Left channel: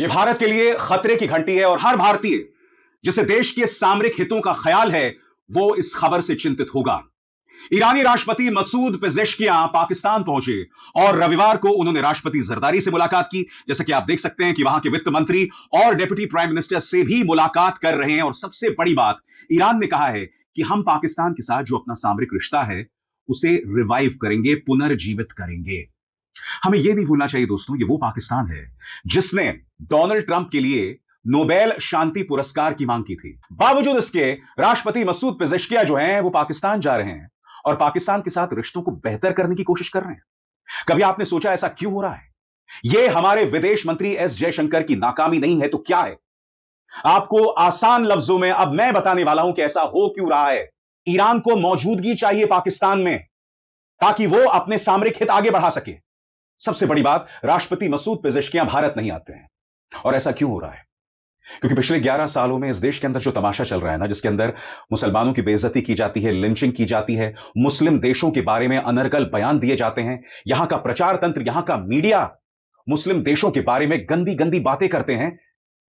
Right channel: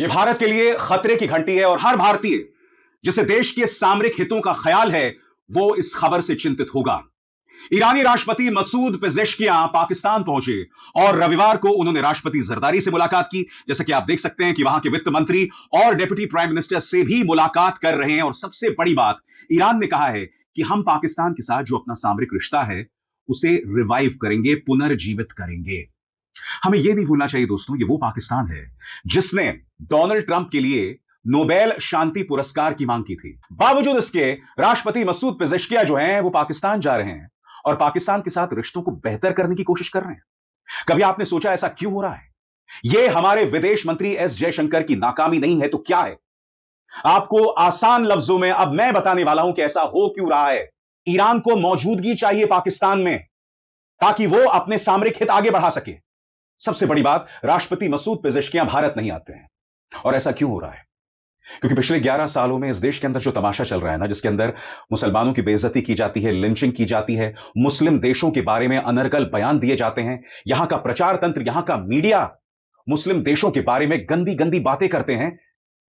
यह भारत के लिए खतरे की घंटी है और हर भारतीय जिसे देश के सामरिक हितों का ख्याल है वो इस खबर से चिंतित होगा। ईरानी राष्ट्रपति मसूद पेजेश्कियां पाकिस्तान पहुंचे और रविवार को उन्होंने राष्ट्रपति जरदारी से मुलाकात की। जैसे कि आप देख सकते हैं कि वहां के वित्त मंत्री और डिप्टी प्राइम मिनिस्टर से भी मुलाकात कर रहे हैं। और सबसे बड़ी बात, ईरान ने कहा है कि हम पाकिस्तान के साथ जो अपना सामरिक रिश्ता है उसे रिवाइव करेंगे, पुनर्जीवित करेंगे। हमें यह नहीं भूलना चाहिए दोस्तों, ये वो पाकिस्तान है जिसने डोनाल्ड ट्रंप के लिए नोबेल शांति पुरस्कार की मांग की थी। बावजूद इसके राष्ट्रपति मसूद पेजेश्कियां जो हैं वो पाकिस्तान जा रहे हैं और पाकिस्तान के साथ रिश्तों को बेहतर करने की कोशिश कर रहे हैं। कभी आपने सोचा ऐसा क्यों हो रहा है? यह हमारे विदेश मंत्री एस जयशंकर की नाकामी नहीं है तो क्या है? आपको आसान लफ्जों में अब मैं बताने वाला हूं कि ऐसा हो क्यों रहा है। ईरान को मौजूदगी चाहिए पाकिस्तान में ताकि वो अपने सामरिक हित आगे बढ़ा सके। सबसे बड़ी बात, राष्ट्रपति मसूद पेजेश्कियां भारत नहीं आते हैं। और ऐसा क्यों हो रहा है? क्योंकि पिछले 11 सालों में इस देश के अंदर जो तमाशा चल रहा है ना, जिसके अंदर मुसलमानों की बेइज्जती की जाती है, लिंचिंग की जाती है, मुस्लिम देशों के बारे में अनर्गल बयान दिए जाते हैं, यहां का प्रचार तंत्र, यहां का मीडिया मुस्लिम देशों के बारे में गंदी गंदी बातें करते हैं,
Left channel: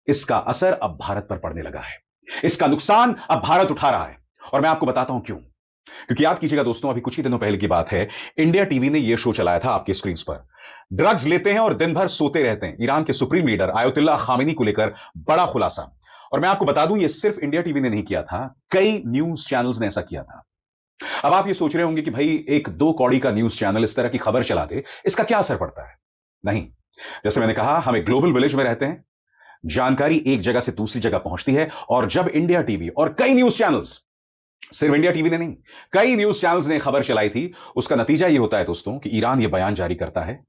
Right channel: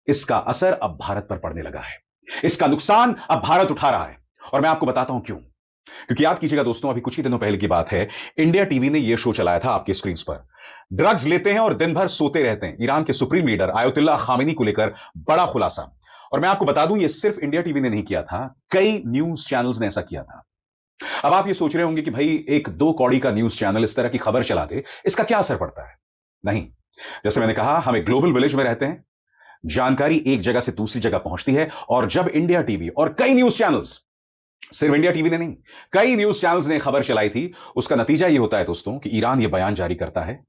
इसका असर अब भारत पर पड़ने लगा है। इसका नुकसान अब भारत उठा रहा है। और मैं आपको बताता हूं क्यों। क्योंकि याद कीजिएगा दोस्तों, अभी कुछ ही दिनों पहले की बात है, इंडिया टीवी ने यह शो चलाया था आपकी स्क्रीन पर। ड्रग्स लेते हैं और दिन भर सोते रहते हैं, ईरान के सुप्रीम लीडर आयतुल्ला खामेनी को लेकर बड़ा खुलासा। और मैं आपको बता दूं, यह सिर्फ इंडिया टीवी ने नहीं किया था, कई न्यूज चैनल्स ने ऐसा किया था। अब आप ये सोच रहे होंगे कि भाई एक दो कौड़ी का न्यूज चैनल इस तरह की खबर चला दे, इसका क्या असर पड़ता है? नहीं, जैसे मैंने कहा, हम एक ग्लोबल विलेज में रहते हैं, जानकारी एक जगह से दूसरी जगह पहुंचती है। और जब इंडिया टीवी और कई न्यूज चैनल्स, सिर्फ इंडिया टीवी ने नहीं, कई न्यूज चैनल्स ने खबर चलाई थी, उसका नतीजा यह होता है दोस्तों कि ईरान यह बयान जारी करता है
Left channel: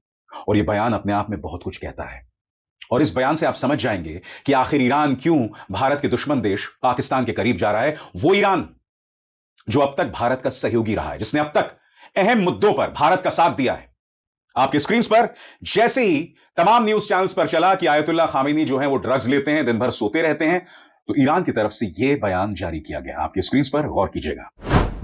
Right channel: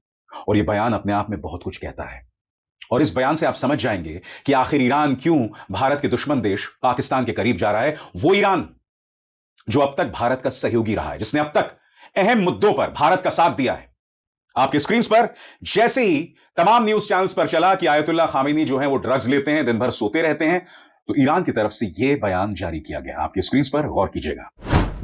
और यह बयान अपने आप में बहुत कुछ कहता है। और इस बयान से आप समझ जाएंगे कि आखिर ईरान क्यों भारत के दुश्मन देश पाकिस्तान के करीब जा रहा है। वो ईरान जो अब तक भारत का सहयोगी रहा है, जिसने अब तक अहम मुद्दों पर भारत का साथ दिया है। आपके स्क्रीन पर जैसे ही तमाम न्यूज चैनल्स पर चला कि आयतुल्ला खामेनी जो है वो ड्रग्स लेते हैं, दिन भर सोते रहते हैं, तो ईरान की तरफ से यह बयान जारी किया गया। आपके स्क्रीन पर गौर कीजिएगा।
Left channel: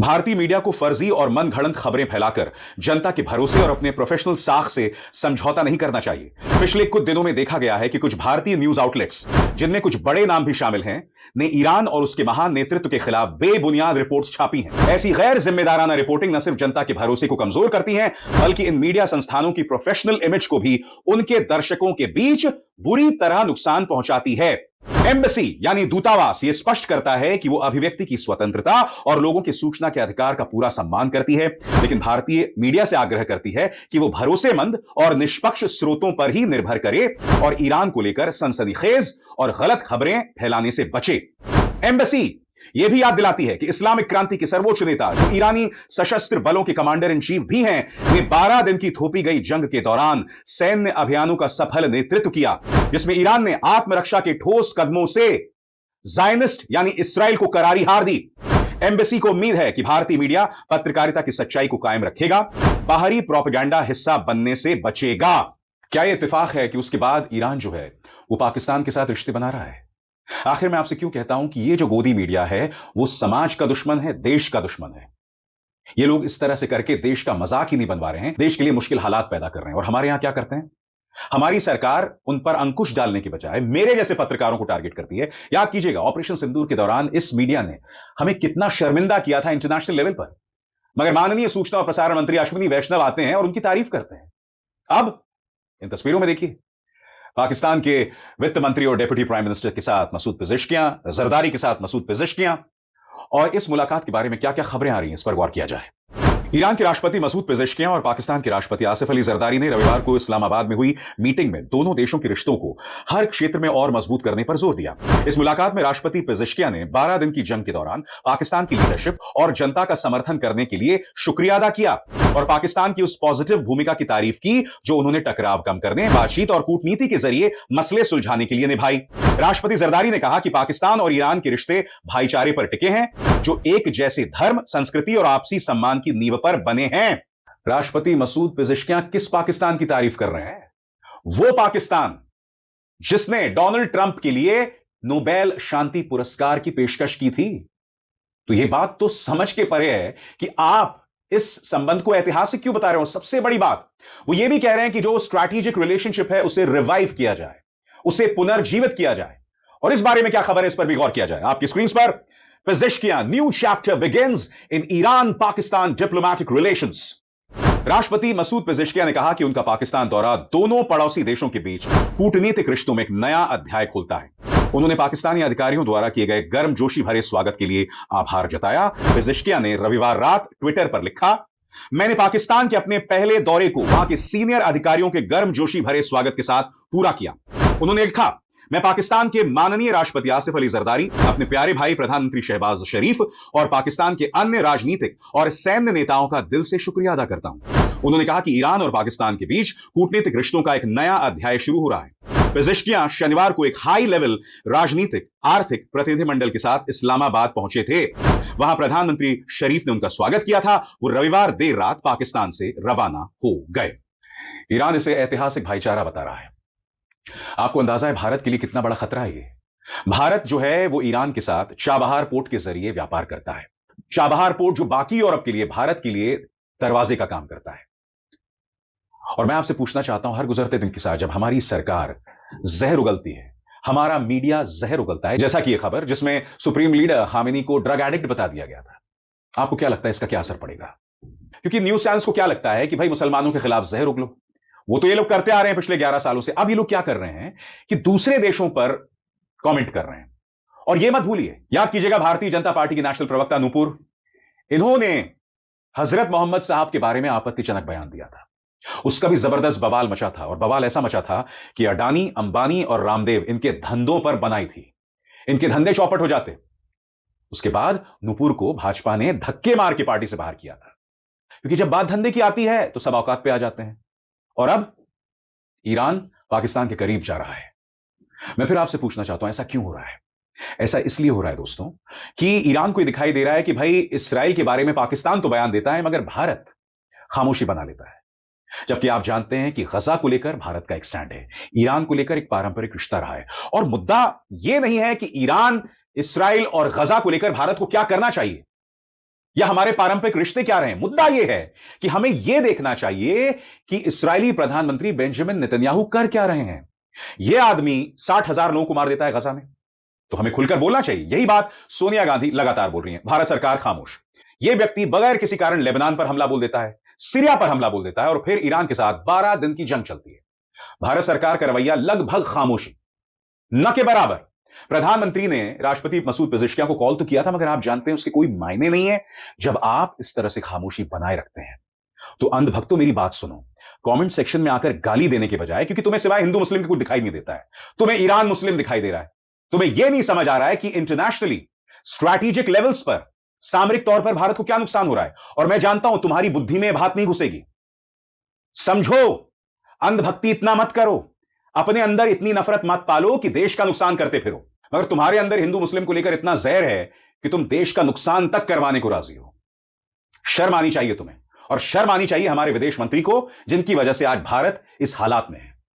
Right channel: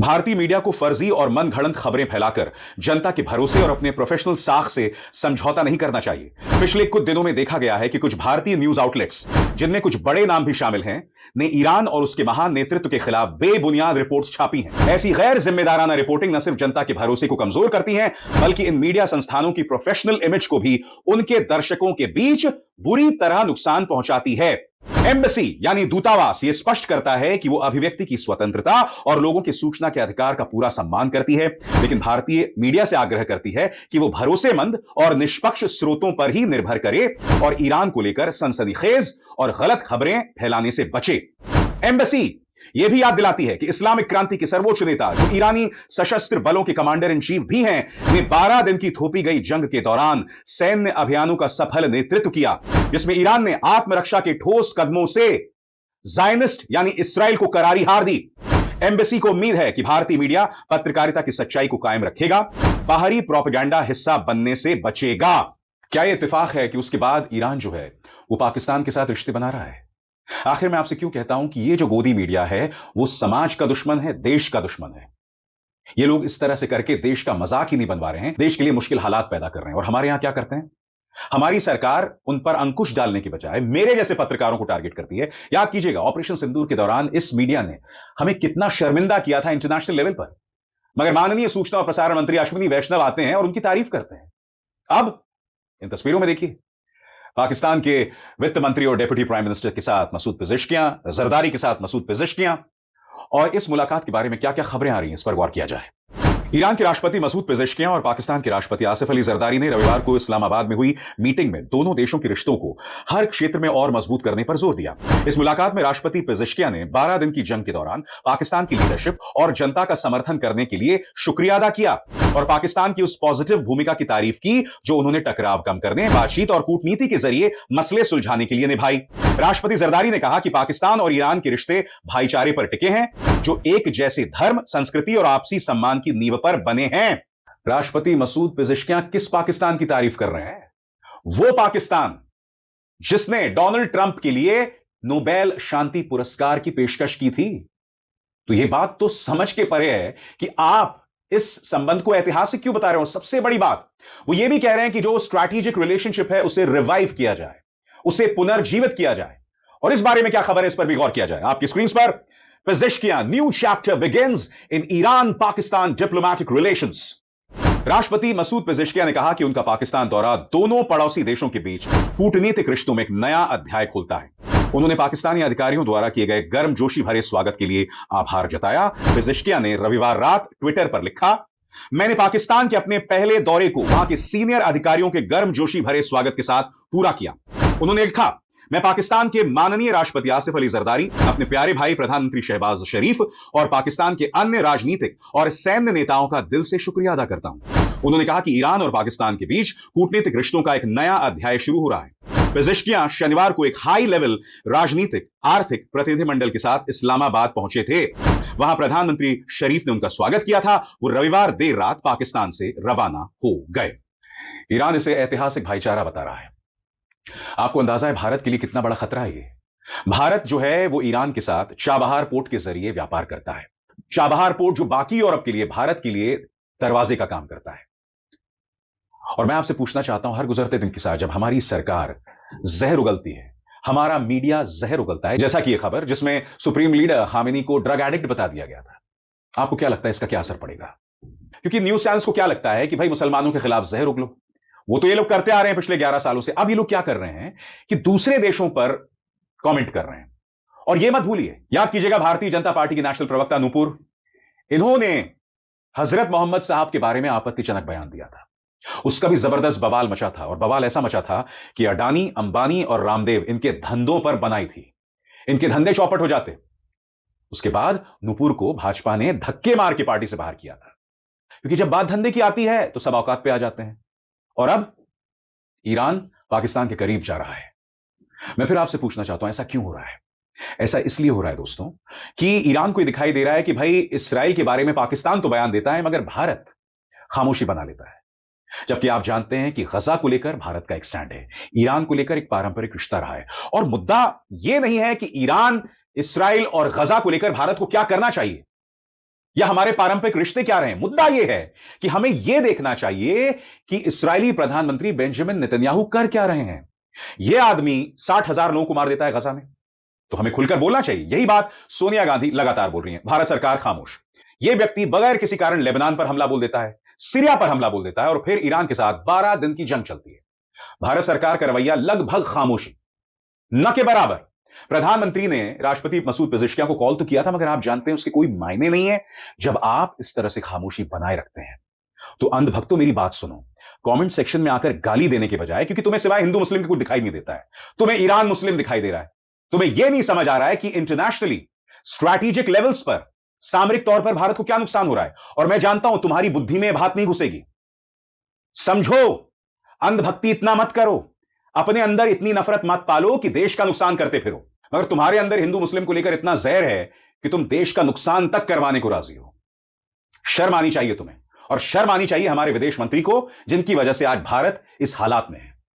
भारतीय मीडिया को फर्जी और मनगढ़ंत खबरें फैलाकर जनता के भरोसे और अपने प्रोफेशनल साख से समझौता नहीं करना चाहिए। पिछले कुछ दिनों में देखा गया है कि कुछ भारतीय न्यूज आउटलेट्स, जिनमें कुछ बड़े नाम भी शामिल हैं, ने ईरान और उसके महान नेतृत्व के खिलाफ बेबुनियाद रिपोर्ट्स छापी हैं। ऐसी गैर जिम्मेदाराना रिपोर्टिंग न सिर्फ जनता के भरोसे को कमजोर करती है, बल्कि इन मीडिया संस्थानों की प्रोफेशनल इमेज को भी उनके दर्शकों के बीच बुरी तरह नुकसान पहुंचाती है। एम्बेसी यानी दूतावास ये स्पष्ट करता है कि वो अभिव्यक्ति की स्वतंत्रता और लोगों के सूचना के अधिकार का पूरा सम्मान करती है, लेकिन भारतीय मीडिया से आग्रह करती है कि वो भरोसेमंद और निष्पक्ष स्रोतों पर ही निर्भर करे और ईरान को लेकर सनसनीखेज और गलत खबरें फैलाने से बचे। एम्बेसी यह भी याद दिलाती है कि इस्लामिक क्रांति के सर्वोच्च नेता, जो ईरानी सशस्त्र बलों के कमांडर इन चीफ भी हैं, ने 12 दिन की थोपी गई जंग के दौरान सैन्य अभियानों का सफल नेतृत्व किया, जिसमें ईरान ने आत्मरक्षा के ठोस कदमों से ज़ायनिस्ट यानी इसराइल को करारी हार दी। एम्बेसी को उम्मीद है कि भारतीय मीडिया पत्रकारिता की सच्चाई को कायम रखेगा, बाहरी प्रोपेगेंडा हिस्सा बनने से बचेगा। क्या यह इत्तेफाक है कि उसके बाद ईरान जो है पाकिस्तान के साथ रिश्ते बना रहा है? आखिर मैं आपसे क्यों कहता हूं कि ये जो गोदी मीडिया है वो समाज का दुश्मन है, देश का दुश्मन है। ये लोग इस तरह से करके देश का मजाक ही नहीं बनवा रहे हैं, देश के लिए मुश्किल हालात पैदा कर रहे हैं। और हमारे यहां क्या करते हैं? हमारी सरकार उन पर अंकुश डालने की बजाय मेरे जैसे पत्रकारों को टारगेट करती है। याद कीजिएगा, ऑपरेशन सिंदूर के दौरान इस मीडिया ने हमें कितना शर्मिंदा किया था इंटरनेशनल लेवल पर, मगर माननीय सूचना और प्रसारण मंत्री अश्विनी वैष्णव आते हैं और उनकी तारीफ करते हैं। अब इन तस्वीरों में देखिए, पाकिस्तान के वित्त मंत्री और डिप्टी प्राइम मिनिस्टर के साथ मसूद पेजेश्कियां, जरदारी के साथ मसूद पेजेश्कियां, और इस मुलाकात के बारे में क्या क्या खबरें आ रही हैं, इस पर गौर किया जाए। ईरान के राष्ट्रपति मसूद पेजेश्कियां और पाकिस्तान के राष्ट्रपति आसिफ अली जरदारी ने रविवार को इस्लामाबाद में हुई मीटिंग में दोनों देशों के रिश्तों को हर क्षेत्र में और मजबूत करने पर जोर दिया। इस मुलाकात में राष्ट्रपति पेजेश्कियां ने 12 दिन की जंग के दौरान पाकिस्तान की लीडरशिप और जनता का समर्थन करने के लिए शुक्रिया अदा किया और पाकिस्तान की उस पॉजिटिव भूमिका की तारीफ की जो उन्होंने टकराव कम करने, बातचीत और कूटनीति के जरिए मसले सुलझाने के लिए निभाई। राष्ट्रपति जरदारी ने कहा कि पाकिस्तान और ईरान के रिश्ते भाईचारे पर टिके हैं, जो एक जैसे धर्म, संस्कृति और आपसी सम्मान की नींव पर बने हैं। राष्ट्रपति मसूद पेजेश्कियां किस पाकिस्तान की तारीफ कर रहे हैं? वो पाकिस्तान जिसने डोनाल्ड ट्रंप के लिए नोबेल शांति पुरस्कार की पेशकश की थी। तो यह बात तो समझ के परे है कि आप इस संबंध को ऐतिहासिक क्यों बता रहे हो। सबसे बड़ी बात वो ये भी कह रहे हैं कि जो स्ट्रैटेजिक रिलेशनशिप है उसे रिवाइव किया जाए। उसे पुनर्जीवित किया जाए। और इस बारे में क्या खबर है, इस पर भी गौर किया जाए। आपकी स्क्रीन पर Pezeshkian, new chapter begins in Iran Pakistan diplomatic relations. राष्ट्रपति मसूद पेजेश्कियां ने कहा कि उनका पाकिस्तान दौरा दोनों पड़ोसी देशों के बीच कूटनीतिक रिश्तों में एक नया अध्याय खोलता है। उन्होंने पाकिस्तानी अधिकारियों द्वारा किए गए गर्मजोशी भरे स्वागत के लिए आभार जताया। पेजेश्कियां ने रविवार रात ट्विटर पर लिखा, मैंने पाकिस्तान के अपने पहले दौरे को वहां के सीनियर अधिकारियों के गर्मजोशी भरे स्वागत के साथ पूरा किया। उन्होंने लिखा, मैं पाकिस्तान के माननीय राष्ट्रपति आसिफ अली जरदारी, अपने प्यारे भाई प्रधानमंत्री शहबाज शरीफ और पाकिस्तान के अन्य राजनीतिक और सैन्य नेताओं का दिल से शुक्रिया अदा करता हूं। उन्होंने कहा कि ईरान और पाकिस्तान के बीच कूटनीतिक रिश्तों का एक नया अध्याय शुरू हो रहा है। पेजेश्कियां शनिवार को एक हाई लेवल राजनीतिक आर्थिक प्रतिनिधिमंडल के साथ इस्लामाबाद पहुंचे थे। वहां प्रधानमंत्री शरीफ ने उनका स्वागत किया था। वो रविवार देर रात पाकिस्तान से रवाना हो गए। ईरान इसे ऐतिहासिक भाईचारा बता रहा है। आपको अंदाजा है भारत के लिए कितना बड़ा खतरा है ये। भारत जो है वो ईरान के साथ चाबहार पोर्ट के जरिए व्यापार करता है। चाबहार पोर्ट जो बाकी यूरोप के लिए, भारत के लिए दरवाजे का काम करता है। और मैं आपसे पूछना चाहता हूं, हर गुजरते दिन के साथ जब हमारी सरकार जहर उगलती है, हमारा मीडिया जहर उगलता है, जैसा कि यह खबर जिसमें सुप्रीम लीडर खामेनी को ड्रग एडिक्ट बता दिया गया था, आपको क्या लगता है इसका क्या असर पड़ेगा? क्योंकि न्यूज चैनल्स को क्या लगता है कि भाई मुसलमानों के खिलाफ जहर उगलो, वो तो ये लोग करते आ रहे हैं पिछले 11 सालों से। अब ये लोग क्या कर रहे हैं कि दूसरे देशों पर कमेंट कर रहे हैं। और ये मत भूलिए, याद कीजिएगा, भारतीय जनता पार्टी की नेशनल प्रवक्ता नूपुर, इन्होंने हजरत मोहम्मद साहब के बारे में आपत्तिजनक बयान दिया था। उसका भी जबरदस्त बवाल मचा था, और बवाल ऐसा मचा था कि अडानी, अंबानी और रामदेव इनके धंधों पर बनाई थी, इनके धंधे चौपट हो जाते। उसके बाद नूपुर को भाजपा ने धक्के मार के पार्टी से बाहर किया था, क्योंकि जब बात धंधे की आती है तो सब औकात पे आ जाते हैं। ईरान पाकिस्तान के करीब जा रहा है। मैं फिर आपसे पूछना चाहता हूं, ऐसा क्यों हो रहा है? ऐसा इसलिए हो रहा है दोस्तों कि ईरान को दिखाई दे रहा है कि भाई इस्राएल के बारे में पाकिस्तान तो बयान देता है, मगर भारत खामोशी बना लेता है। जबकि आप जानते हैं कि गजा को लेकर भारत का एक स्टैंड है, ईरान को लेकर एक पारंपरिक रिश्ता रहा है। और मुद्दा यह नहीं है कि ईरान, इस्राएल और गजा को लेकर भारत को क्या करना चाहिए या हमारे पारंपरिक रिश्ते क्या रहे। मुद्दा यह है कि हमें यह देखना चाहिए कि इस्राएली प्रधानमंत्री बेंजामिन नेतन्याहू कर क्या रहे हैं। यह आदमी 60,000 लोगों को मार देता है गजा में, तो हमें खुलकर बोलना चाहिए। यही बात सोनिया गांधी लगातार बोल रही है, भारत सरकार खामोश। यह व्यक्ति बगैर किसी कारण लेबनान पर हमला बोल देता है, सीरिया पर हमला बोल देता है, और फिर ईरान के साथ 12 दिन की जंग होती है। भारत सरकार का रवैया लगभग खामोश है, न के बराबर। प्रधानमंत्री ने राष्ट्रपति मसूद पेजेश्कियां को कॉल तो किया था, मगर आप जानते हैं उसके कोई मायने नहीं है जब आप इस तरह से खामोशी बनाए रखते हैं। तो अंधभक्तों, मेरी बात सुनो, कमेंट सेक्शन में आकर गाली देने के बजाय, क्योंकि तुम्हें सिवाय हिंदू मुस्लिम के कुछ दिखाई नहीं देता है, तुम्हें ईरान मुस्लिम दिखाई दे रहा है, तुम्हें यह नहीं समझ आ रहा है कि इंटरनेशनली स्ट्रैटेजिक लेवल्स पर, सामरिक तौर पर भारत को क्या नुकसान हो रहा है। और मैं जानता हूं तुम्हारी बुद्धि में बात नहीं घुसेगी। समझो, अंधभक्ति इतना मत करो, अपने अंदर इतनी नफरत मत पालो कि देश का नुकसान करते फिरो। अगर तुम्हारे अंदर हिंदू मुस्लिम को लेकर इतना जहर है कि तुम देश का नुकसान तक करवाने को राजी हो, शर्म आनी चाहिए तुम्हें। और शर्म आनी चाहिए हमारे विदेश मंत्री को, जिनकी वजह से आज भारत इस हालात में है।